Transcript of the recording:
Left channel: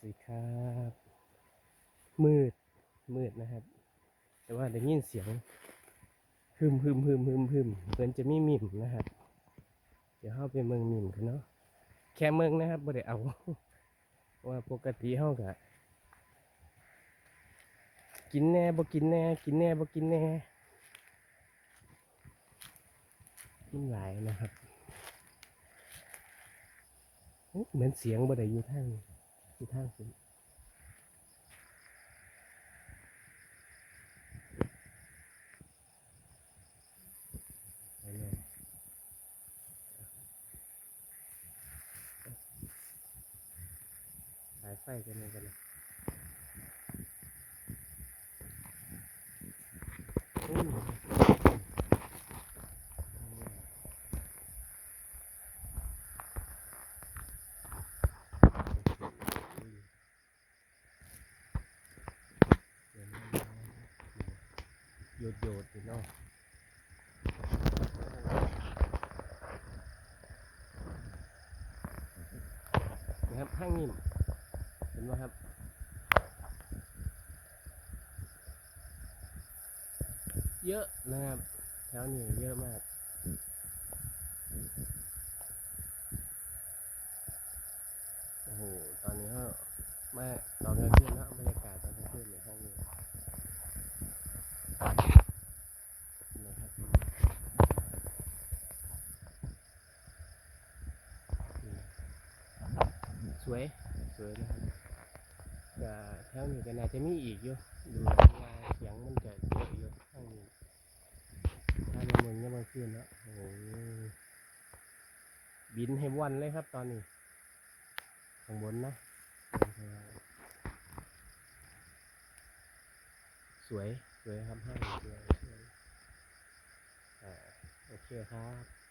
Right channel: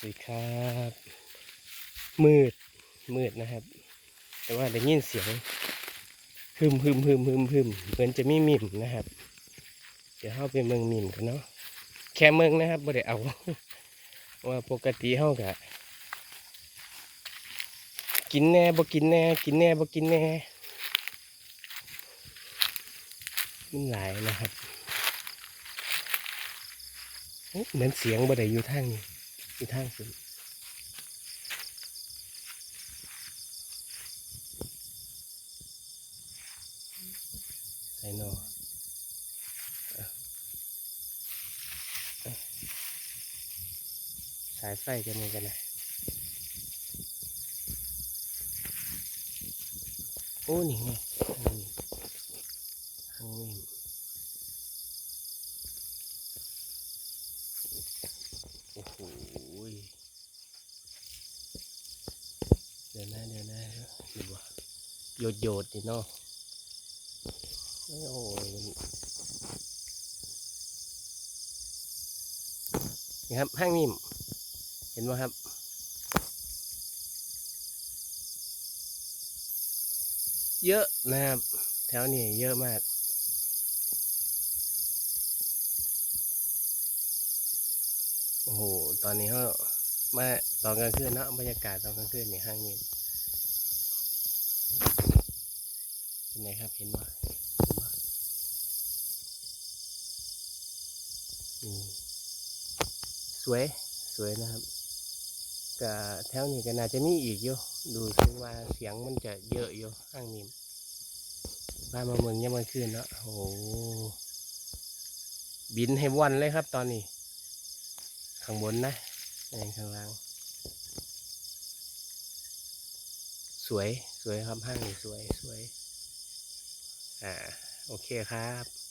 สวัสดีครับมืดมืดนะครับ แต่ว่าได้ยินเสียงฮึมฮึมฮึมฮึมฮึมเหมือนจะมีมิมนะครับ เดี๋ยวเข้าไปเมืองมิมกันเนาะแค่เมืองนะครับบ่ได้เอาว่าปกติเฮากะกินแน่บ่กินแน่ กินแน่บ่กินแน่มันหลายนะครับเหมือนเสียงบ่ได้อยู่ทางนี้ อยู่ทางสุดใส่นอเอาเอสายไฟกันนี่กันนะโอ้นี่ไงโอ้ยโอ้โหเดี๋ยวนะเดี๋ยวนะดูว่า โยดโยดนี่เนาะโอ้ยนี่ครับห้างนิ่มเห็นไหมครับเยอะนะครับแถวนี้เยอะมากโอ้โหตอนนี้เขามาตอนกลางคืนนะบรรยากาศตอนกลางคืนในห้างนี้เป็นไงครับเห็นไหมอืมส วยสวยนะครับก็แถวนี้ก็น่าจะมีอีกอยู่ดูถึงว่าเสียงมันจะเยอะอยู่ห้างนี้พามาเมืองยามกลางคืนเนาะโอ้โหบินให้วันเลยครับตอนนี้ ข้างบนนะเดินข้างล่างสวยสวยครับห้างสวยสวยอ่าโอเคครับ